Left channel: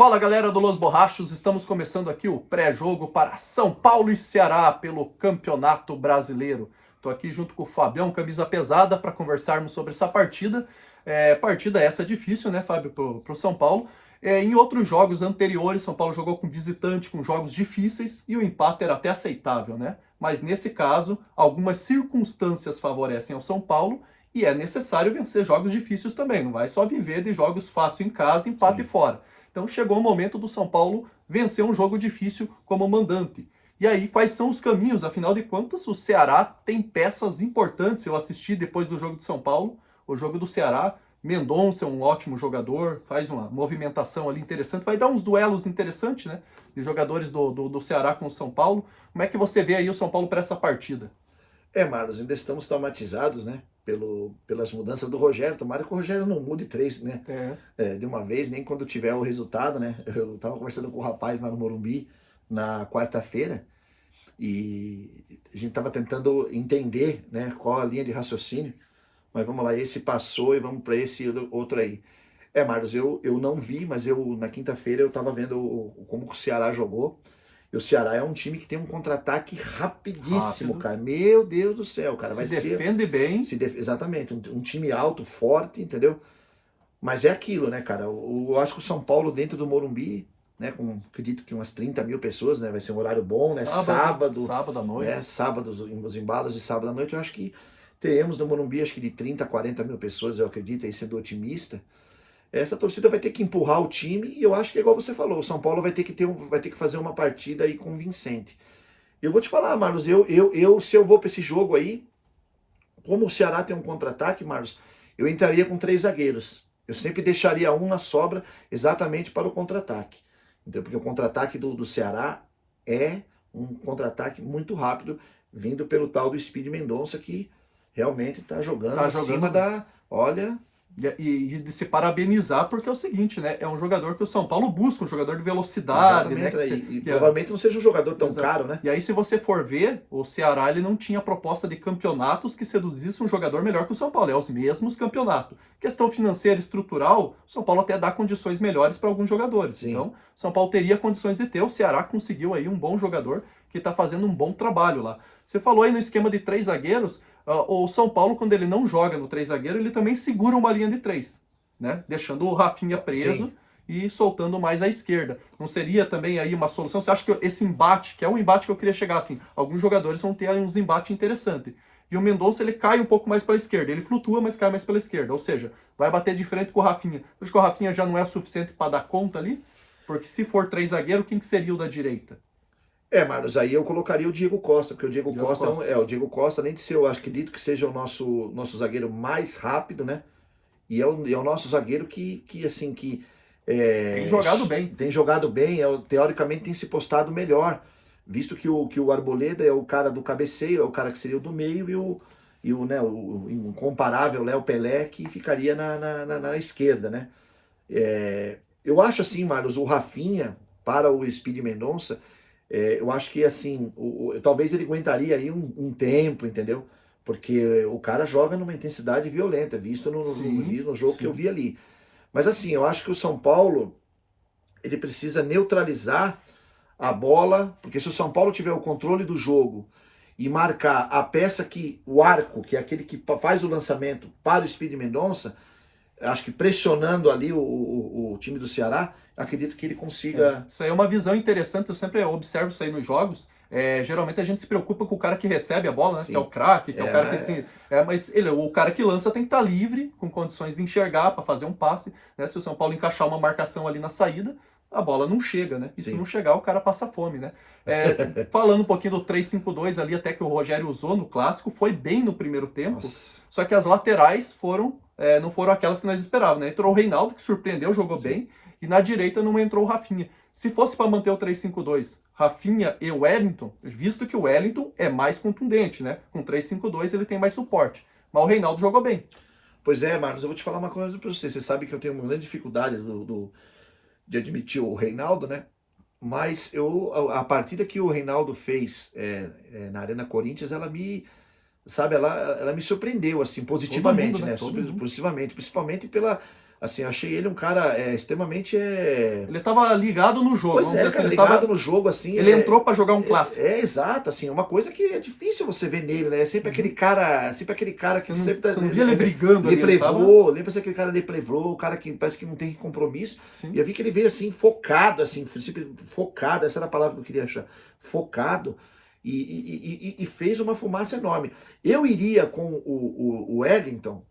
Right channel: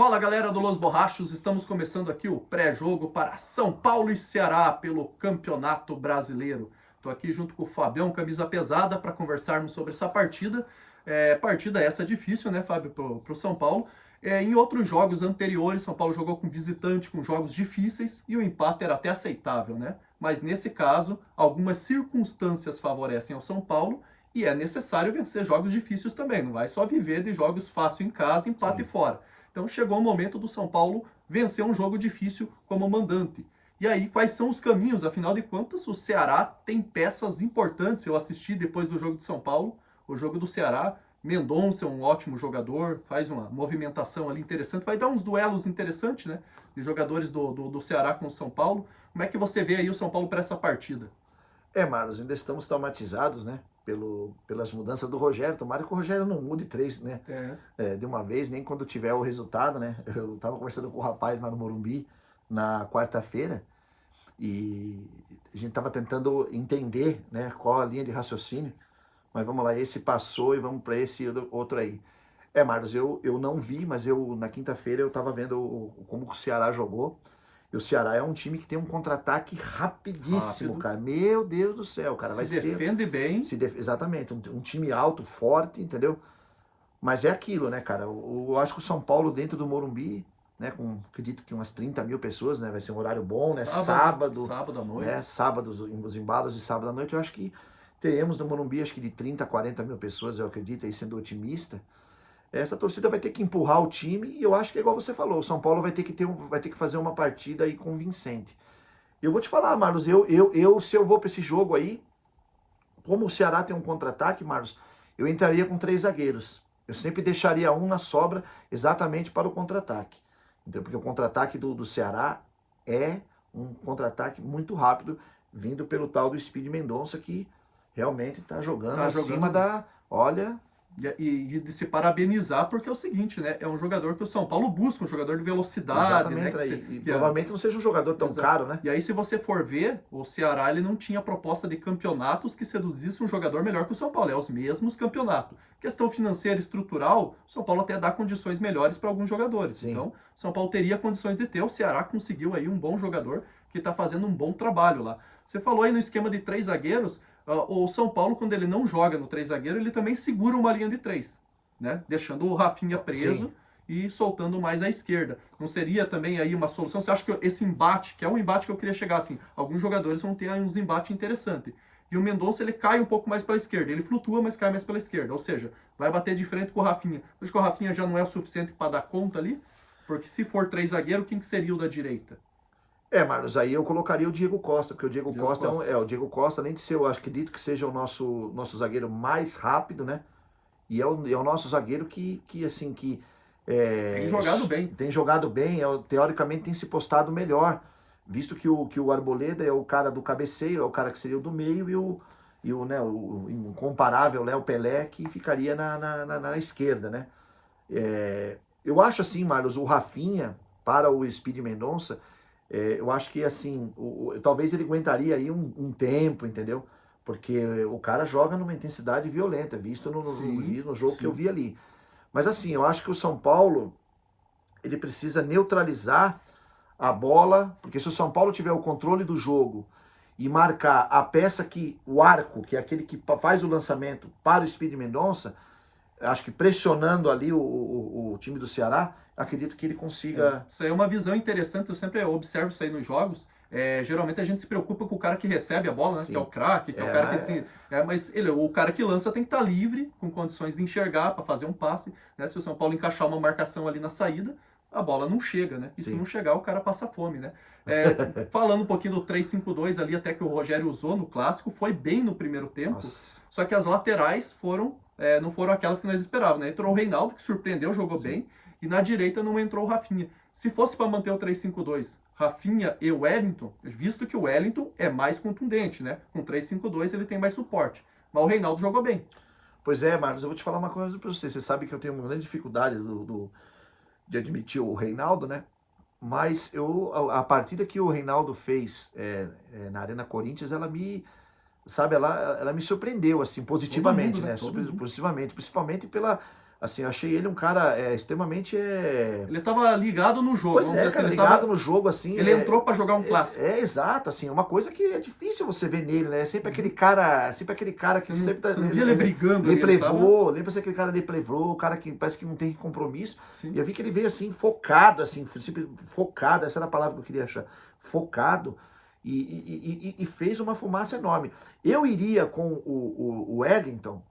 Fala galera do Los Borrachos, estamos começando aqui o pré-jogo para São Paulo e Ceará pelo Campeonato Brasileiro. Estou aqui junto com o Fabião, camisa pesada, para conversarmos sobre essa partida. Partida essa difícil, né, Fábio, para o São Paulo. Em outros jogos anteriores, São Paulo jogou com visitante, com jogos difíceis, e o empate era até aceitável, né? Mas nesse caso, algumas circunstâncias favorecem ao São Paulo e é necessário vencer jogos difíceis também. Não vai só viver de jogos fáceis em casa, empate fora. Então chegou o momento do São Paulo vencer um jogo difícil como mandante. E aí, quais são os caminhos? Afinal de contas, o Ceará tem peças importantes. Eu assisti depois do jogo de São Paulo, o jogo do Ceará. Mendonça é um ótimo jogador, faz uma movimentação ali interessante, vai dar uns duelos interessantes, né? De jogadores do Ceará com o São Paulo. Como é que você vê aí o São Paulo para essa partida? Marlos, ainda estamos traumatizados, né? Pelas mudanças do Rogério. Tomara que o Rogério não mude três, né? De uma vez, nem quando tiver o resultado, né? Eu estava conversando com o rapaz lá no Morumbi na quarta-feira e a gente estava tentando entender, né, qual a linha de raciocínio. Mas vamos lá, esse passou e vamos para esse outro aí. Marlos, eu não vi, mas na quinta-feira eu estava vendo como o Ceará jogou. E o Ceará é um time que tem um contra-ataque rapidíssimo, cara. Meu Deus do céu, cara. Se defende bem. Exatamente, um time alto, forte, entendeu? Mas é aquilo, né, cara? Eu acho que o São Paulo dentro do Morumbi, né, acredito que umas 30 mil pessoas, né? Vai ser um horário bom, né? Sábado à noite. Né, sábado, os embalos de sábado à noite, eu acho que teremos no Morumbi, acho que de 30 a 40 mil pessoas, eu acredito, aí sendo otimista. Essa torcida vai ter que empurrar o time e eu acho que é igual você falou, o São Paulo vai ter que fazer uma partida aí convincente. Eu vou te falar, Marlos, se eu vou para esse jogo aí, como o Ceará tem um contra-ataque, Marlos, eu entraria com 3 zagueiros. Eu sempre deixaria um na sobra exatamente para o contra-ataque. Porque o contra-ataque do Ceará é um contra-ataque muito rápido, vindo pelo tal do Speed Mendonça, que realmente está jogando acima da... Olha... E de se parabenizar, porque é o seguinte, né? É um jogador que o São Paulo busca, um jogador de velocidade. Exatamente, né? Provavelmente não seja um jogador tão caro, né? E aí, se você for ver, o Ceará ele não tinha proposta de campeonatos que seduzisse um jogador melhor que o São Paulo. É os mesmos campeonatos. Questão financeira e estrutural, o São Paulo até dá condições melhores para alguns jogadores. Sim. Então, o São Paulo teria condições de ter. O Ceará conseguiu aí um bom jogador que está fazendo um bom trabalho lá. Você falou aí no esquema de 3 zagueiros, o São Paulo, quando ele não joga no 3 zagueiro, ele também segura uma linha de 3, né? Deixando o Rafinha preso. Sim. E soltando mais à esquerda. Não seria também aí uma solução? Você acha que esse embate, que é um embate que eu queria chegar assim, alguns jogadores vão ter aí uns embates interessantes. E o Mendonça, ele cai um pouco mais para a esquerda. Ele flutua, mas cai mais pela esquerda. Ou seja, vai bater de frente com o Rafinha. Acho que o Rafinha já não é o suficiente para dar conta ali? Porque se for 3 zagueiro, quem que seria o da direita? Marlos, aí eu colocaria o Diego Costa, porque o Diego Costa o Diego Costa, além de ser, eu acredito que seja o nosso zagueiro mais rápido, né? E é o nosso zagueiro que tem jogado bem. Tem jogado bem, teoricamente tem se postado melhor, visto que o Arboleda é o cara do cabeceio, é o cara que seria o do meio, e o incomparável Léo Pelé, que ficaria na esquerda, né? Eu acho assim, Marlos, o Rafinha para o Speed Mendonça, eu acho que assim, talvez ele aguentaria aí um tempo, entendeu? Porque o cara joga numa intensidade violenta, visto no jogo que eu vi ali. Mas assim, eu acho que o São Paulo, ele precisa neutralizar a bola, porque se o São Paulo tiver o controle do jogo e marcar a peça o arco, que é aquele que faz o lançamento para o Speed Mendonça, acho que pressionando ali o time do Ceará, acredito que ele consiga... Isso aí é uma visão interessante, eu sempre observo isso aí nos jogos. Geralmente a gente se preocupa com o cara que recebe a bola, né? Que é o craque, que é o cara que... mas o cara que lança tem que estar livre, com condições de enxergar, para fazer um passe. Né? Se o São Paulo encaixar uma marcação ali na saída, a bola não chega, né? E se não chegar, o cara passa fome, né? Falando um pouquinho do 3-5-2 ali, até que o Rogério usou no Clássico, foi bem no primeiro tempo. Nossa. Só que as laterais não foram aquelas que nós esperávamos, né? Entrou o Reinaldo, que surpreendeu, jogou bem, e na direita não entrou o Rafinha. Se fosse para manter o 3-5-2, Rafinha e Wellington, visto que o Wellington é mais contundente, né? Com 3-5-2 ele tem mais suporte. Mas o Reinaldo jogou bem. Pois é, Marcos, eu vou te falar uma coisa para você. Você sabe que eu tenho uma grande dificuldade de admitir o Reinaldo, né? Mas a partida que o Reinaldo fez na Arena Corinthians, ela me surpreendeu, assim, positivamente, né? Positivamente, principalmente pela Assim, eu achei ele um cara extremamente... Ele tava ligado no jogo. Pois é, cara, ligado no jogo, assim. Ele entrou para jogar um clássico. Exato, assim, uma coisa que é difícil você ver nele, né? Sempre aquele cara que sempre tá... Você não via ele brigando ali. Lembra-se aquele cara de plevô, o cara que parece que não tem compromisso. Sim. E eu vi que ele veio, assim, focado, assim, sempre focado, essa era a palavra que eu queria achar. Focado. E fez uma fumaça enorme. Eu iria com o Wellington,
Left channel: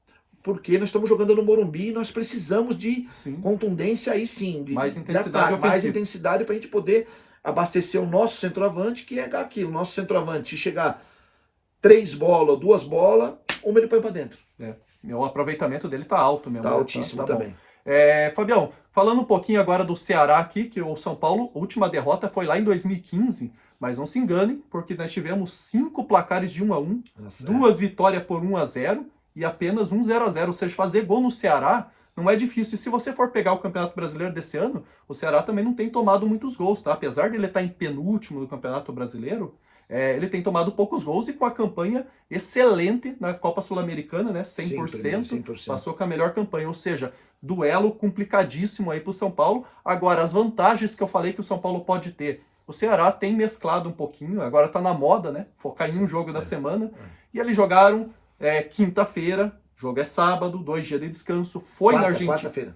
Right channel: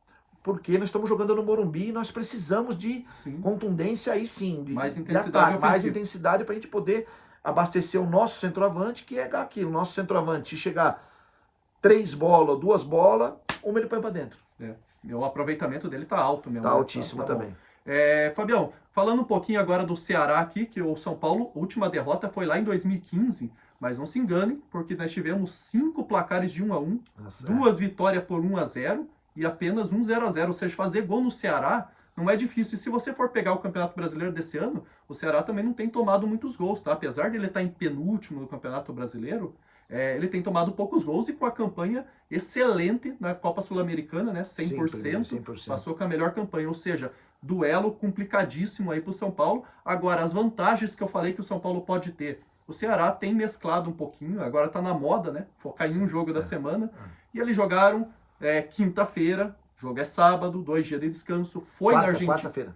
porque nós estamos jogando no Morumbi e nós precisamos de contundência aí sim, mais intensidade, mais intensidade para a gente poder abastecer o nosso centroavante, que é aquilo, o nosso centroavante, se chegar 3 bolas, 2 bolas, uma ele põe para dentro. O aproveitamento dele tá alto mesmo. Tá altíssimo também. Fabião, falando um pouquinho agora do Ceará aqui, que o São Paulo, a última derrota foi lá em 2015, mas não se enganem, porque nós tivemos 5 placares de 1-1, 2 vitórias por 1-0, e apenas 0-0, ou seja, fazer gol no Ceará não é difícil. E se você for pegar o Campeonato Brasileiro desse ano, o Ceará também não tem tomado muitos gols, tá? Apesar de ele estar em penúltimo do Campeonato Brasileiro, ele tem tomado poucos gols e com a campanha excelente na Copa Sul-Americana, né? 100%, 100%, passou com a melhor campanha, ou seja, duelo complicadíssimo aí para o São Paulo. Agora, as vantagens que eu falei que o São Paulo pode ter, o Ceará tem mesclado um pouquinho, agora tá na moda, né? Focar em um jogo da semana, e eles jogaram quinta-feira, jogo é sábado, 2 dias de descanso, foi na Argentina. Quarta-feira.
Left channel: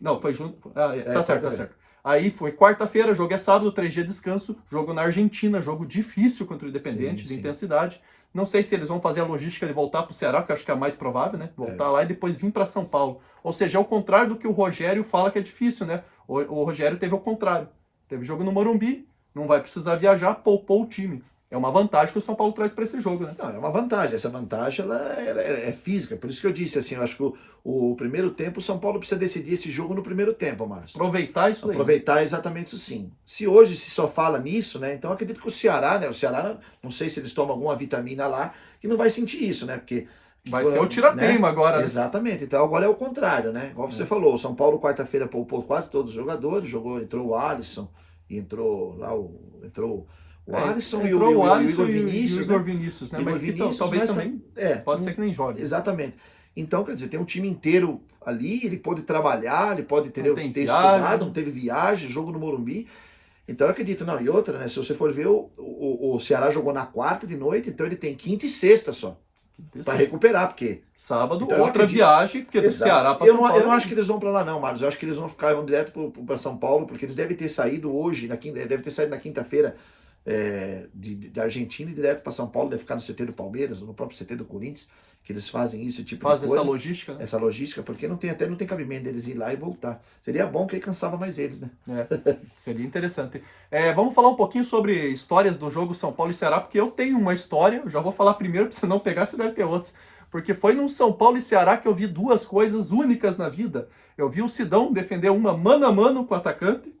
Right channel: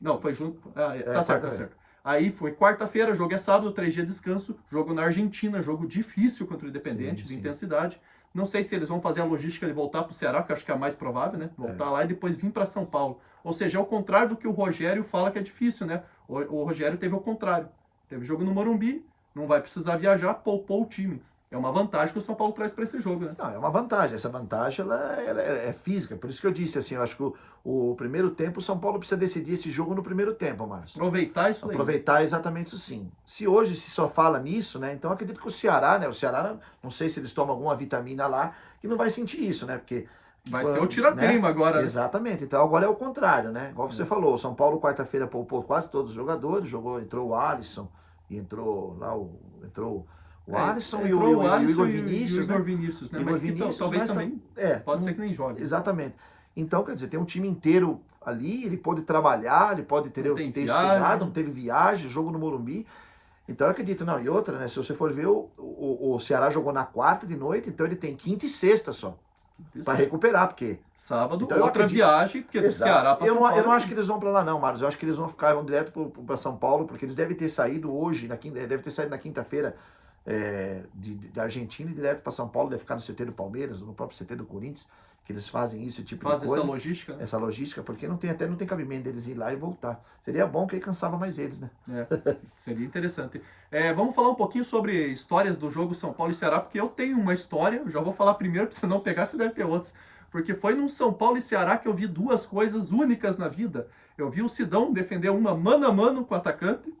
Não, foi junto. Tá certo. Aí foi quarta-feira, jogo é sábado, 3 dias de descanso, jogo na Argentina, jogo difícil contra o Independente, de intensidade. Não sei se eles vão fazer a logística de voltar para o Ceará, que eu acho que é a mais provável, né? Voltar lá e depois vir para São Paulo. Ou seja, é o contrário do que o Rogério fala que é difícil, né? O Rogério teve o contrário. Teve jogo no Morumbi, não vai precisar viajar, poupou o time. É uma vantagem que o São Paulo traz para esse jogo, né? Não, é uma vantagem. Essa vantagem ela é física. Por isso que eu disse assim, eu acho que o primeiro tempo, o São Paulo precisa decidir esse jogo no primeiro tempo, Márcio. Aproveitar isso aí. Aproveitar exatamente isso sim. Se hoje se só fala nisso, né? Então eu acredito que o Ceará, né? O Ceará, não sei se eles tomam alguma vitamina lá, que não vai sentir isso, né? Porque vai ser o tirateima agora. Exatamente. Então agora é o contrário, né? Igual você falou, o São Paulo quarta-feira poupou quase todos os jogadores, entrou o Alisson, e entrou lá o Alisson e o Igor Vinícius. O Igor Vinícius, né? Mas talvez também pode ser que nem jogue. Exatamente. Então, quer dizer, tem um time inteiro ali, ele pode trabalhar, ele pode ter estudado, não teve viagem, jogo no Morumbi. Então eu acredito, não, e outra, né? Se você for ver, o Ceará jogou na quarta de noite, então ele tem quinta e sexta só. Para recuperar, porque... Sábado, então, outra viagem, porque do Ceará para São Paulo. Eu não acho que eles vão para lá não, Marcos. Eu acho que eles vão ficar direto para São Paulo, porque eles devem ter saído hoje, deve ter saído na quinta-feira de Argentina e direto para São Paulo, deve ficar no CT do Palmeiras, no próprio CT do Corinthians, que eles fazem isso, tipo de coisa. Fazem essa logística, né? Essa logística, porque não tem cabimento deles ir lá e voltar. Seria bom que aí cansava mais eles, né? Seria interessante. Vamos falar um pouquinho sobre histórias do jogo São Paulo e Ceará, porque eu tenho uma história, eu já vou falar primeiro, para você não pegar, você deve ter outras. Porque foi num São Paulo e Ceará que eu vi 2 coisas únicas na vida. Eu vi o Sidão defender uma mano a mano com o atacante,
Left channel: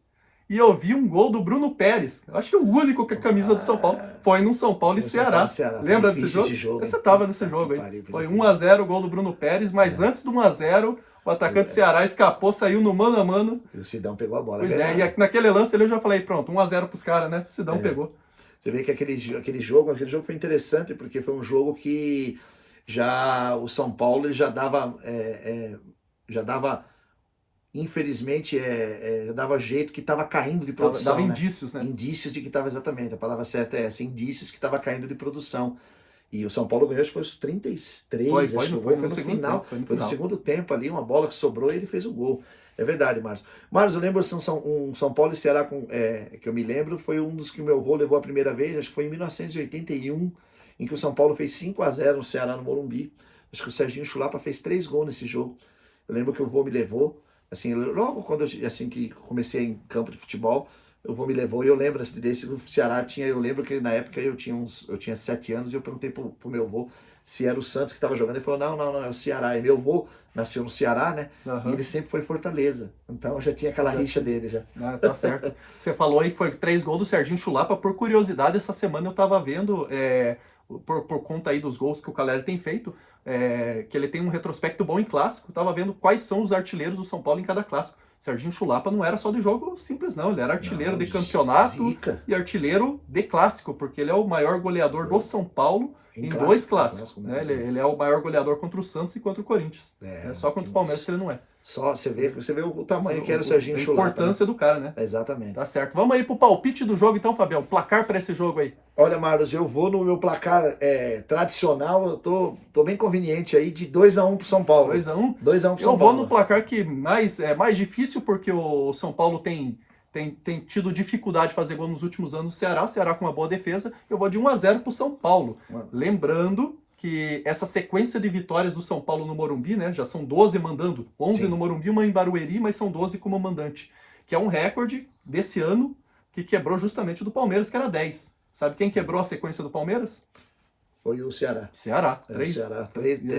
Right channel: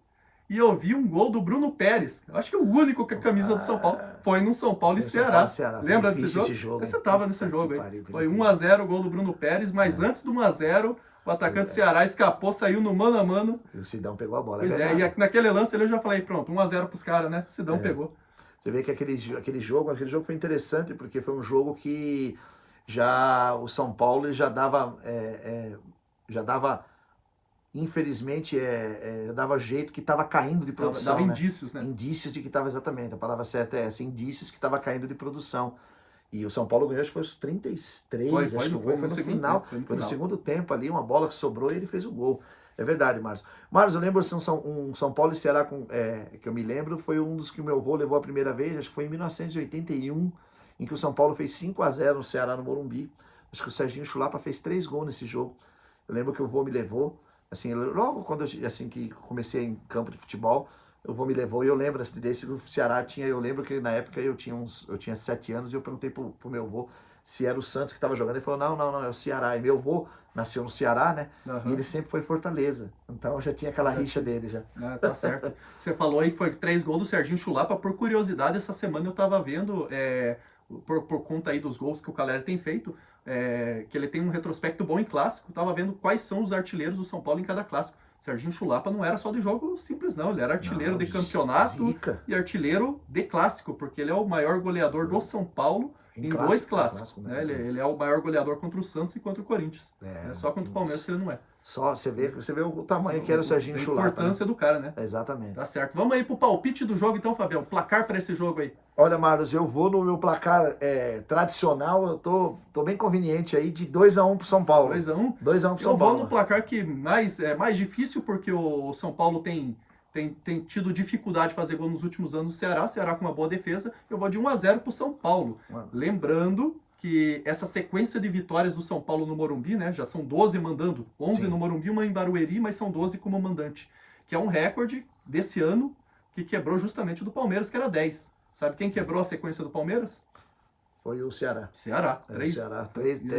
e eu vi um gol do Bruno Pérez. Acho que o único com a camisa do São Paulo foi no São Paulo e Ceará. Lembra desse jogo? Você estava nesse jogo aí. Foi 1-0 o gol do Bruno Pérez, mas antes do 1-0, o atacante do Ceará escapou, saiu no mano a mano. E o Sidão pegou a bola. Pois e naquele lance ali eu já falei, pronto, 1-0 pros caras, né? O Sidão pegou. Você vê que aquele jogo foi interessante, porque foi um jogo que já o São Paulo ele já dava infelizmente, dava jeito que estava caindo de produção. Dava indícios, né? Indícios de que estava, exatamente, a palavra certa é essa, indícios que estava caindo de produção. E o São Paulo ganhou, acho que foi os 33, acho que o gol foi no final. Foi no segundo tempo ali, uma bola que sobrou e ele fez o gol. É verdade, Márcio. Márcio, eu lembro um São Paulo e Ceará que eu me lembro, foi um dos que o meu avô levou a primeira vez, acho que foi em 1981, em que o São Paulo fez 5-0 no Ceará, no Morumbi. Acho que o Serginho Chulapa fez 3 gols nesse jogo. Eu lembro que o avô me levou. Assim, logo quando assim que comecei em campo de futebol, o avô me levou e eu lembro desse do Ceará eu lembro que na época eu tinha 7 anos e eu perguntei pro meu avô se era o Santos que estava jogando. Ele falou, não, é o Ceará. E meu avô nasceu no Ceará, né? E ele sempre foi Fortaleza. Então já tinha aquela rixa dele já. Tá certo. Você falou aí que foi 3 gols do Serginho Chulapa. Por curiosidade, essa semana eu tava vendo, por conta aí dos gols que o Caleri tem feito, que ele tem um retrospecto bom em clássico. Tava vendo quais são os artilheiros do São Paulo em cada clássico. Serginho Chulapa não era só de jogo simples, não. Ele era artilheiro de campeonato e artilheiro de clássico, porque ele é o maior goleador do São Paulo em clássico, dois em clássicos. clássico, Né? né? Ele é o maior goleador contra o Santos e contra o Corinthians. É só contra o Palmeiras que ele não é. Só você vê o tamanho que era o Serginho A Chulapa. importância do cara, né? Exatamente. Tá certo. Vamos aí pro palpite do jogo então, Fabião. Placar para esse jogo aí. Olha, Marlos, eu vou no meu placar tradicional, eu tô bem conveniente aí, de 2-1 pro São Paulo. 2-1? 2-1 pro São Paulo. Eu vou no placar que é mais difícil, porque o São Paulo tem tido dificuldade de fazer gol nos últimos anos do Ceará. O Ceará com uma boa defesa. Eu vou de 1-0 pro São Paulo. Lembrando que essa sequência de vitórias do São Paulo no Morumbi, né? Já são 12 mandando. 11 no Morumbi, uma em Barueri, mas são 12 como mandante. Que é um recorde desse ano que quebrou justamente o do Palmeiras, que era 10. Sabe quem quebrou a sequência do Palmeiras? Foi o Ceará. Ceará. O Ceará.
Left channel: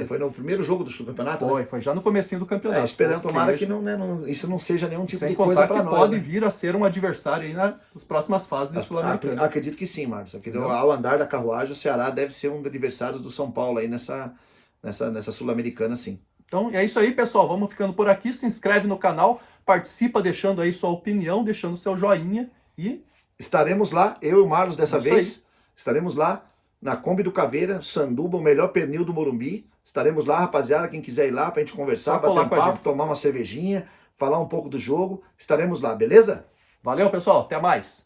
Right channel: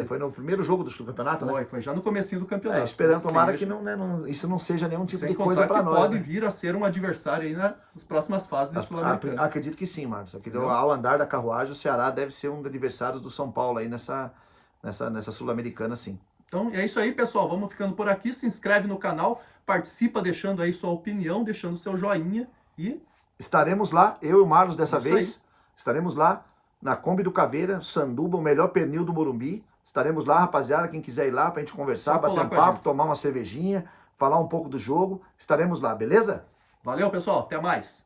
Foi no primeiro jogo do campeonato, né? Foi já no comecinho do campeonato. Esperando, tomara que isso não seja nenhum tipo de coisa para nós. Pode vir a ser um adversário aí nas próximas fases do Sul-Americano. Acredito que sim, Marcos. Ao andar da carruagem, o Ceará deve ser um dos adversários do São Paulo aí nessa Sul-Americana, sim. Então é isso aí, pessoal. Vamos ficando por aqui. Se inscreve no canal, participa deixando aí sua opinião, deixando seu joinha e... Estaremos lá, eu e o Marlos dessa vez. Estaremos lá na Kombi do Caveira, Sanduba, o melhor pernil do Morumbi. Estaremos lá, rapaziada, quem quiser ir lá pra gente conversar, bater um papo, tomar uma cervejinha, falar um pouco do jogo. Estaremos lá, beleza? Valeu, pessoal. Até mais.